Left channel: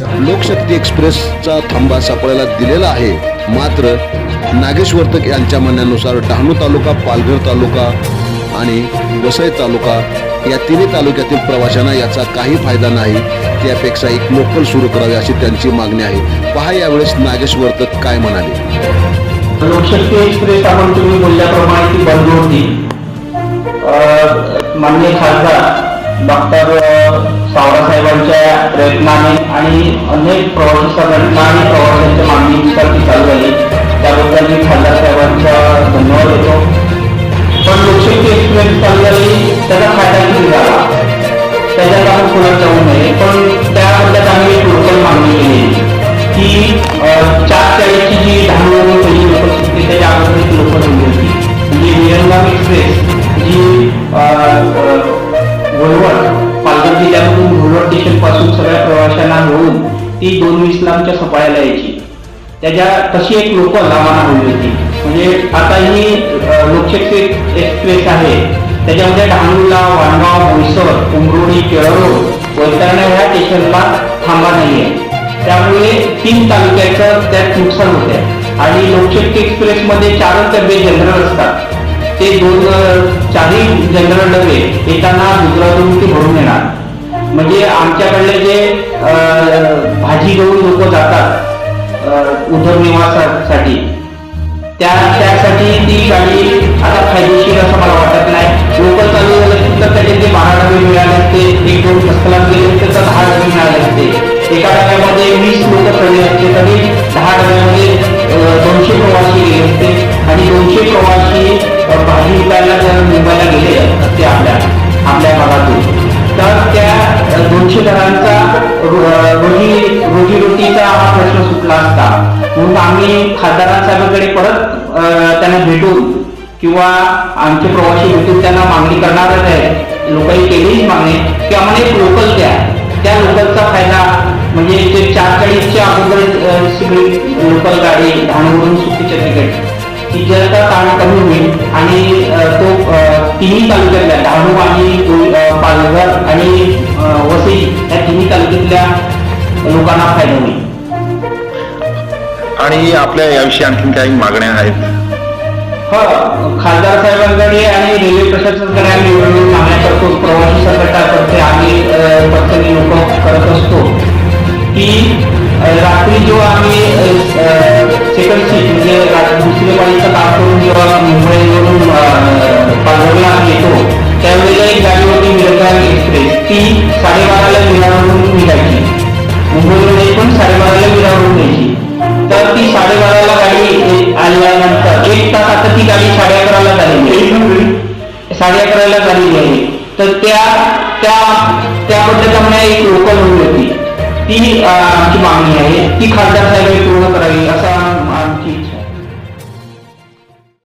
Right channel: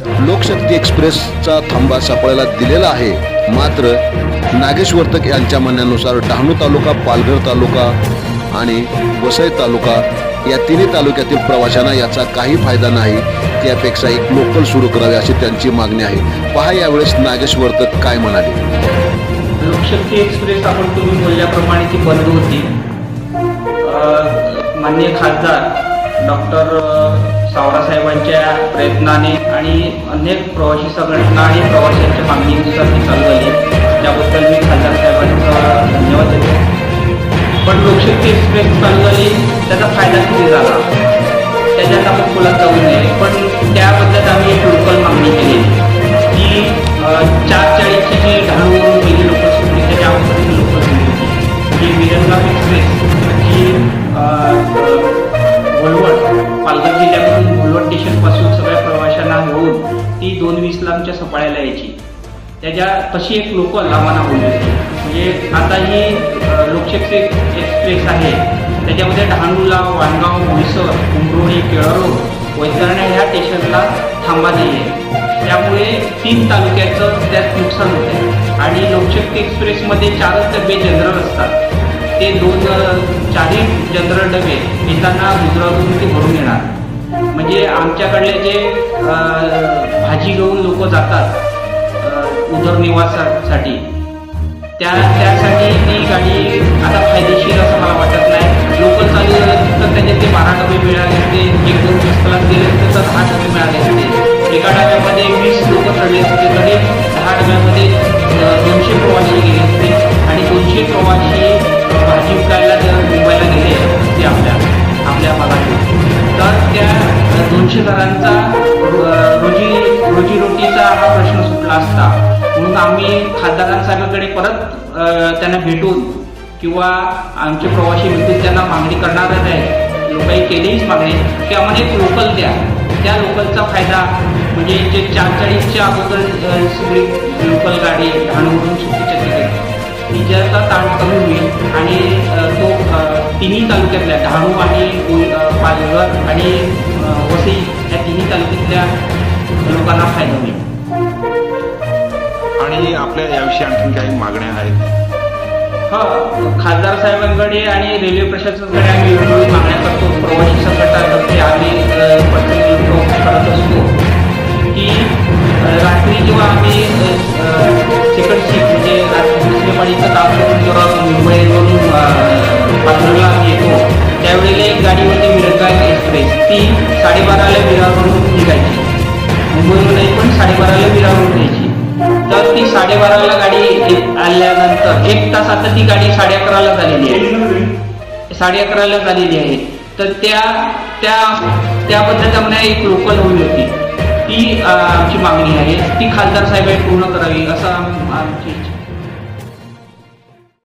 लोकशक्ती एक्सप्रेसचा थांबा सापळ्याला दिलेला आहे. मात्र नागेश वर्तक यांच्या म्हणण्यानुसार डहाणू तालुका पालघर तालुका आणि वसई तालुका या तिन्ही तालुक्यातील प्रवाशांना याचा काही फायदा नाही. त्यापेक्षा एक लोकल सुरू करावे अशी त्यांची मागणी आहे. पहा यावेळेस नागेश वर्तक काय म्हणाले. लोकशक्ती एक्सप्रेस आपण तुम्ही बोलल्याप्रमाणे ती बंद होती. माननीय खासदार डॉक्टर सावरासाहेबांच्या प्रयत्नाने आणि अनेक प्रवासी संघटना आणि प्रवाशांच्या मागणीनुसार ती चालू झाली. त्याबद्दल मी खासदार साहेबांचा धन्यवाद देतो. पण लोकशक्ती एक्सप्रेस चालू झाली त्याचा फायदा किती झाला? त्याच्यात आपण पुढे जाऊ नये. पण त्या पालघर जिल्ह्यामधून घोलवड स्टेशनपासून सगळ्या प्रवाशांना मिळून ती दोन वीस लांबच्या सफाळ्याला यायची. त्याच्या तशी एक लोकल आम्हाला हवी होती. म्हणजे आता ही अं, लोकशक्ती एक्सप्रेस आहे. त्याच्यामध्ये डहाणूला वाणगाव बोईसर उमरोळी केळरोड वैतरण्या ह्या स्टेशनला थांबा नाही आहे त्यामुळे तीन तालुक्याचं त्यात नुकसान होत आहे आणि लोकशक्ती एक्सप्रेसमध्ये चारच डबे जनरल असतात. ते दोन चारही जनरल डबे येताना गुजरातून ते भरून येणार. म्हणजे आमच्याकडले जे भाजी घेऊन लोक जातात अं, उदरनिर्वाहासाठी त्या त्यासाठी ती गाडी आता फायदेशीर असं मला वाटत नाही. लोकल चालू झालं तर त्याचे ते बारा डबे मिळाले असते एक दोन रस्त्याला गेले असते तर दहा डबे मिळाले असते. एका डब्यामध्ये वीस लोक चढले असते तरी दहा डब्यामध्ये दोनशे प्रवासी गेले असते आणि दोनशे प्रवासी भाजी विकायला जर मुंबईला गेले असते आपल्या आपल्या भागातून तर त्या दोनशे घरांचा रोजी रोजीरोटीचा हा प्रश्न सुटला असता. म्हणून आम्ही खासदारांसाहेबांकडे परत त्यांना भेटून किंवा आमचे प्रवासी भेटून त्यांना मागणी करणारच आहे लोकांनी केलीच मागणी. की आम्हाला एक लोकल द्या. त्या लोकलचा फायदा म्हणजे ते चार चाळीसच्या अगोदर सगळी लोकल गाडी डहाणूवरून सुट्टीच्या तिकीट. तिच्याचा ताण कमी होईल आणि तो तिन्ही तालुक्यातल्या डहाणू आणि पालघर आणि वसई या तिन्ही तालुक्यातल्या लोकांना फायदा होईल. आणि आपल्या याविषयी आणखीन काही मागण्या आहेत? हा खासदार साहेबांकडे आणि रेल्वे प्रशासनाकडे आम्ही मागण्या करतो. प्रवासी संघटनातर्फे आम्ही पर्सनली लोक करत असतो. की रात्री जेव्हा आम्ही सेकंड सीट म्हणजे रात्री दुसऱ्या पाळीचं काम करून जेव्हा मुंबईवरून अ, पालघरला आम्ही येतो त्यावेळेला एक गाडी होती मिरगाव एक्सप्रेस ती साडेबाराला विरारवरून निघायची. मुंबईवरून नाही पण साडेबाराला विरारवरून यायची. तर ती साडेबाराला गाडी आल्यानंतर एक तास आता ती गाडी साडे अकराला झालेली आहे. साडे अकराला झालेली आहे. तर त्या त्या त्याबद्दल आम्हाला एक लोकल हवी होती. ती आमची मागणी आहे. ती खासदार साहेबांनी पूर्ण करावी असा